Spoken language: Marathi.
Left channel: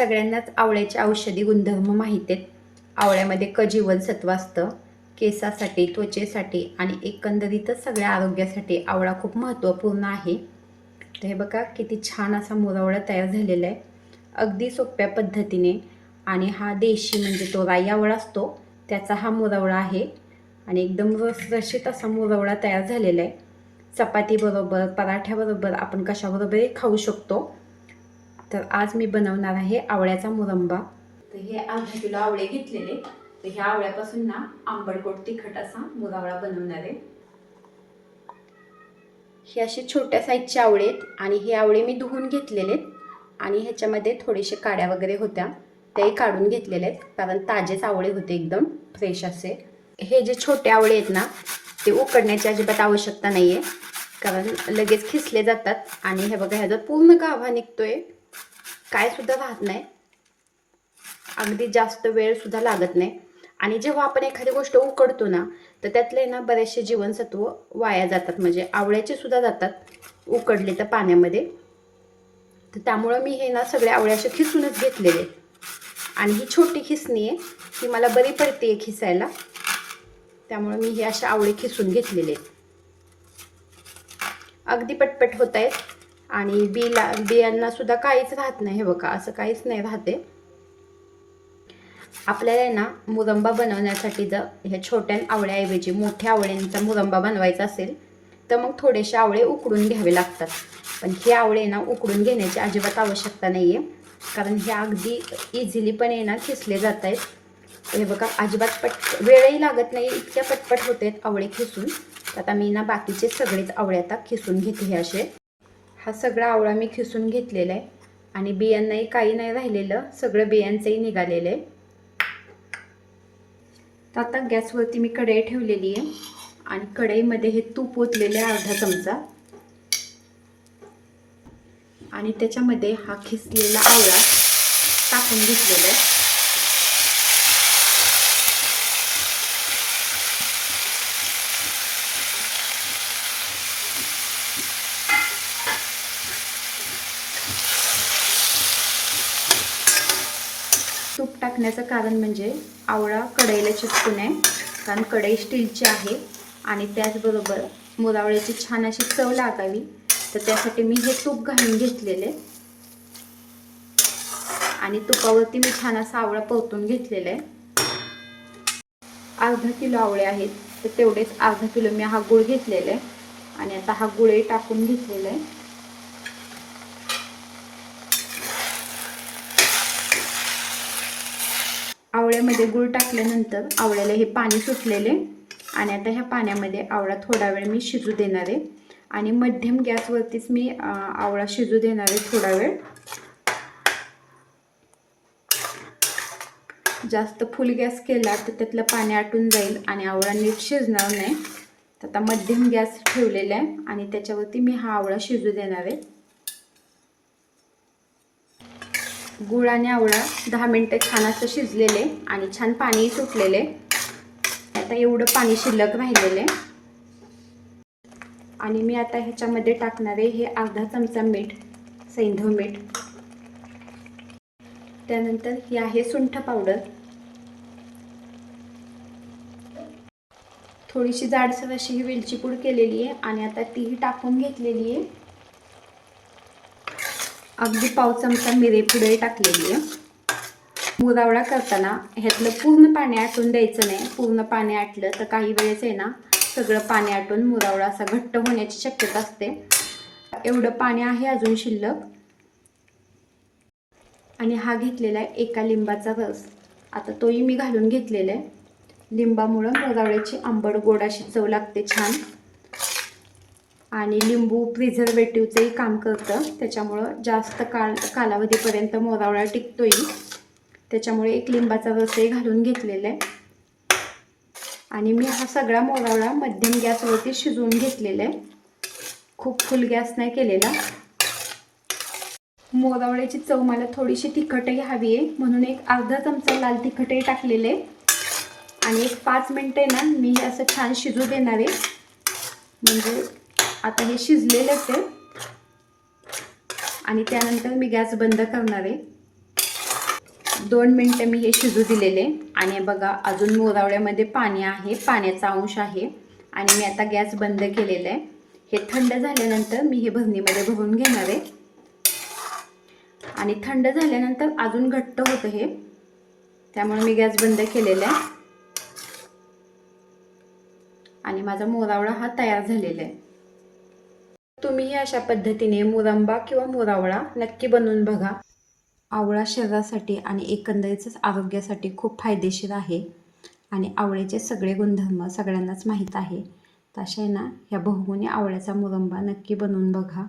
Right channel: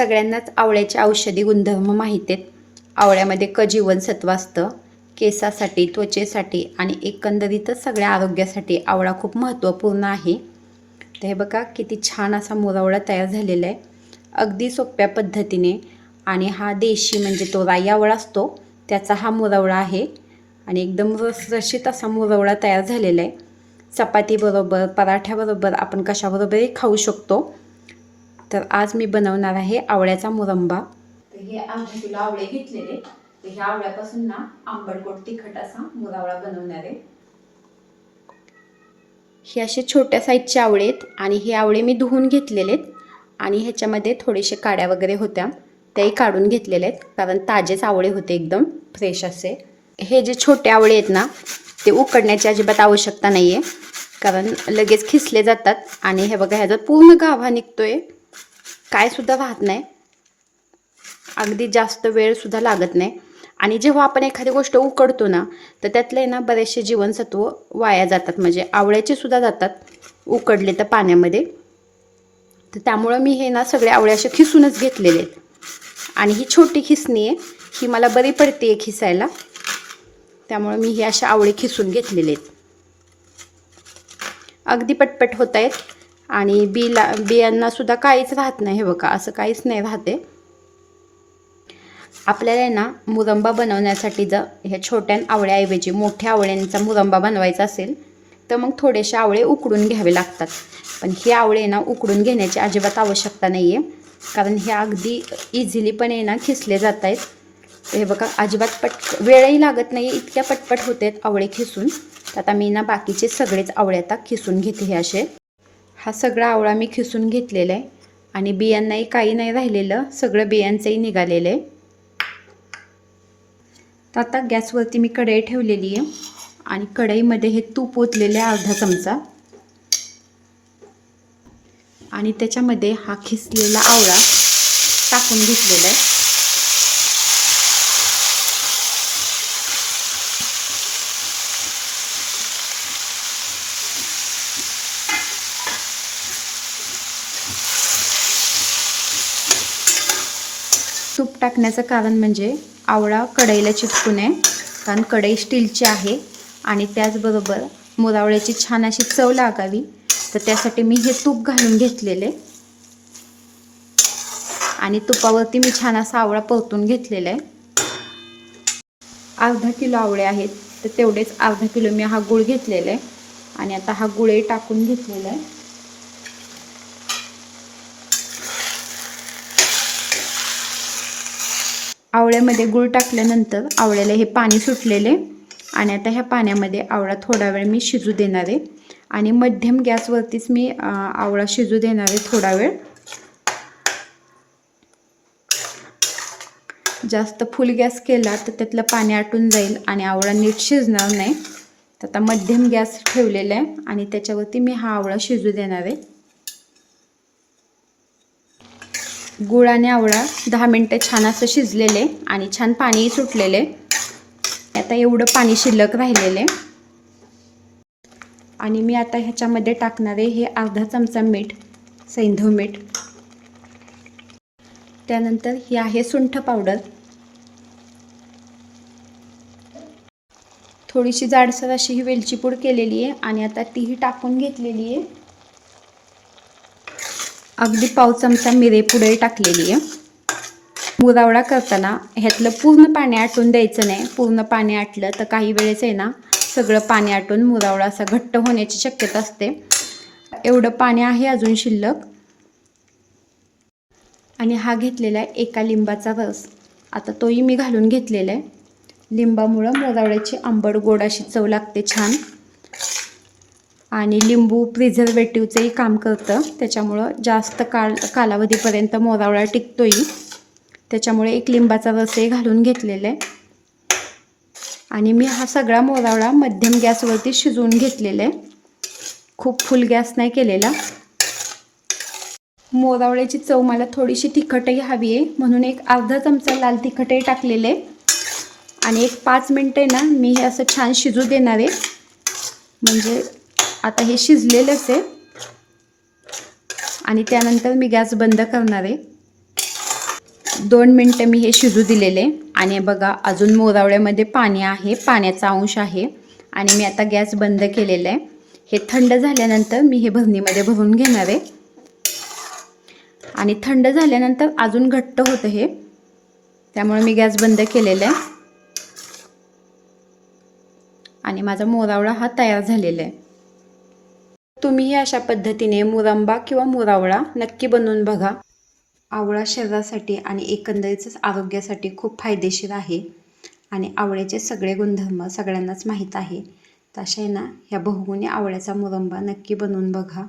सगळ्यांनाच आवळ्याचे औषधी गुणधर्म माहीत आहेत. आवळ्यामध्ये क जीवनसत्व असतं. केसासाठी, त्वचेसाठी आणि एकंदरीतच सगळ्या आरोग्यासाठी आवळा खूप महत्त्वपूर्ण आहे. तर हे बघा किती छान असा मुरवळा तयार झालेला आहे, अगदी सोप्या पद्धतीने. आणि हा देशी म्हणजे तो राई आवळा असतो त्याचा हा मुरवळा आहे आणि एकदम रसरशीत असा मुरवळा तयार झालेला आहे. चपातीबरोबर, पराठ्याबरोबर आपण कशाबरोबरही खाऊ शकतो. तर आज मी बनवणार आहे आवळ्याचा मुरंबा. तर हे अर्धा किलो आवळे घेतलेले. तर ह्या आवळ्यापासून ना आंबटगोड तिखट असा मुरवळा बनवणार आहे. हे असे छोट्या साईजचे आवळे आहेत आणि हे आवळे मी धुवून घेतलेले आहेत आणि ह्याच्यामध्ये थोडेसे काड्या वगैरे होत्या त्याही काढून घेतलेले आहेत, कारण ताजेच आवळे होते, एकदम फ्रेश असे. हे जे छोटे आवळे आहेत ना ते उकडण्याची अजिबात आवश्यकता नाही आहे, कारण लगेच खिसले जातात. आणि हे बघा ह्याचा पूर्ण गाभा निघतोय, काय सुद्धा राहत नाही, अगदी जास्त वेळ सुद्धा लागत नाही. आणि जेव्हा आपण एखादी गोष्ट उकडतो ना तर त्यातले ना बरेचसे जीवनसत्व वाया जातात, म्हणजे आवळ्याचे सुद्धा जातात उकडले तर पाण्यामध्ये. तर त्यामुळे मी हे ना सगळे आवळे असे खिसूनच घेतलेले आहेत. आणि ही छोटी खिसणी आहे, ही मला बरी पडते खिसायला, त्यामुळे मी हे असे आवळे खिसून घेतलेले आहेत. अगदी पटपट होत आहेत आणि बियांना सुद्धा काहीच राहत नाही. हे बघा असं काहीच नाही राहते. आपल्याला ना मुरंबा बनवण्यासाठी जर ह्या छोट्या आवळ्याऐवजी मोठ्या आवळ्यांचा मुरंबा बनवायचा असेल तर मग थोडेसे आवळे उकडून घ्यावे लागतात. पण हे आवळे ना उकडून घेण्याची अजिबात आवश्यकता नाही आहे, कारण हे अगदी इझिलीपणे ना खिसले जात आहेत. हे बघा अजिबात वेळही लागत नाही, इतक्या पटपट होत आहेत आवळे खिसून. आता मी ना बाकीचे सगळेच आवळे आता खिसून घेते. हे असे हा सगळा आवळा मी खिसून घेतलेला आहे आणि बियांनाही काही नाही राहिलेलं, सगळं बियांचंही निघालेलं आहे. तर आता गॅसवरती मी कढई ठेवलेली आहे आणि कढईमध्ये हे तूप ओतलेलं आहे अर्धा चमचा आणि त्याच्यामध्ये हा खिसलेला आवळा टाकून घेतलेला आहे. तूप टाकण्याचं कारण म्हणजे आवळा कढईला चिटकू नये, कारण कढई स्टीलची आहे आणि त्याचबरोबर मुरवळ्याची छान अशी चव लागावी, तर त्यासाठी मी हे तूप घालून घेतलेले आणि तुपावरती मी छान असा आवळा परतून घेतलेला आहे. अर्धा किलो आवळे आहेत तर तेवढेच अर्धा किलो मी हा गूळ घेतलेला आहे आणि आता हा गूळही टाकून घेतलेला आहे. आवळ्यामध्ये गूळ टाकल्यानंतर आवळ्याला हे पाणी सुटलेले आणि आता ह्या पाण्यामध्ये आवळा थोडा वेळ मी शिजू देणार आहे आणि मध्यम गॅसवरतीच मी आवळा शिजू देणार आहे थोडा वेळ. जास्त फुल गॅस केला तर त्यातलं पाणी आटून जाईल आणि आवळा नीट शिजणार नाही. तर आता मध्यम गॅस ठेवलेला आहे आणि त्याच्यावरती मी हा आवळा शिजू देणार आहे. गूळ आणि आवळा 10 मिनटं छान असं शिजलेले आणि छान पाणीही सुटलेले. आता एवढं पाणी शिल्लक राहिलेले आणि मी आता ह्याच्यामध्ये टाकणार आहे हे अर्धा चमचा मीठ, सैंधव मीठ. त्यानंतर ही आहे सुंठ पावडर, थोडीशी जाडसर अशी ही वेलची पूड केलेली आहे आणि आता तीही टाकून घेतलेली आहे. अगदी पाव चमचा मिरेपूडही टाकलेली आहे. मुरवळा करताना ह्यातलं पूर्ण पाणी आटून द्यायचं नाही, पूर्ण पाणी आटलं तर काही वेळेस आहे ना सगळं पाणी आटून मुरवळा असा घट्ट होण्याची शक्यता असते. एवढं पाणी आहे अजून शिल्लक. आणि हा घेतलेला आहे एका लिंबाचा रस, आता तोही मी घालून घेतलेला आहे. लिंबामुळं मुरवळ्याची आंबट गोड अशी चव लागते छान आणि लिंबू प्रिझर्वेटिव्हचंही काम करतं, त्याच्यामुळं जास्त कालावधीपर्यंत मुरवळा टिकतोही. त्याच्यामुळे एक लिंबाचा रसही घालून घेतलेला आहे आणि मी हा सगळा मुरवळा मध्यम गॅसवरती शिजवून घेतलेला आहे, खूप फुल गॅस नाही केलेला. मुरवळ्याची चव मला थोडीशी तिखटही हवी आहे म्हणून एक अर्धा चमचा लाल तिखटही टाकलेले आणि एक 5 मिनटे ना मी हे असं छान शिजू देणार आहे. म्हणजे आता हे शिजलेलंच आहे आणि त्यानंतर मी गॅस बंद करणार आहे. 2 मिनटं मी हे शिजू दिलेले आणि बघा अजून मोरावळ्यामध्ये पाणी आहे, पाण्याचा अंश आहे आणि मी आता गॅस बंद केलेला आहे. हे थंड झाल्यानंतर मी हे भरणीमध्ये भरून घेणार आहे आणि थंड झाल्यानंतर अजून घट्ट होतं हे, त्यामुळे मी गॅस बंद केलेला आहे आणि माझा मोरावळा हा तयार झालेला आहे. तुम्हीही अशा पद्धतीने मुरंबा किंवा मोरावळा नक्की बनवून बघा. आवळा शरीरासाठी आणि एकंदरीतच आरोग्यासाठी खूप फायदेशीर आहे आणि आवळ्याचे सगळे गुणधर्म सगळ्यांनाच माहीत आहे. तर अशा आहे ना ह्या बहुगुणी आवळ्याचा मुरंबा नक्की बनवून बघा.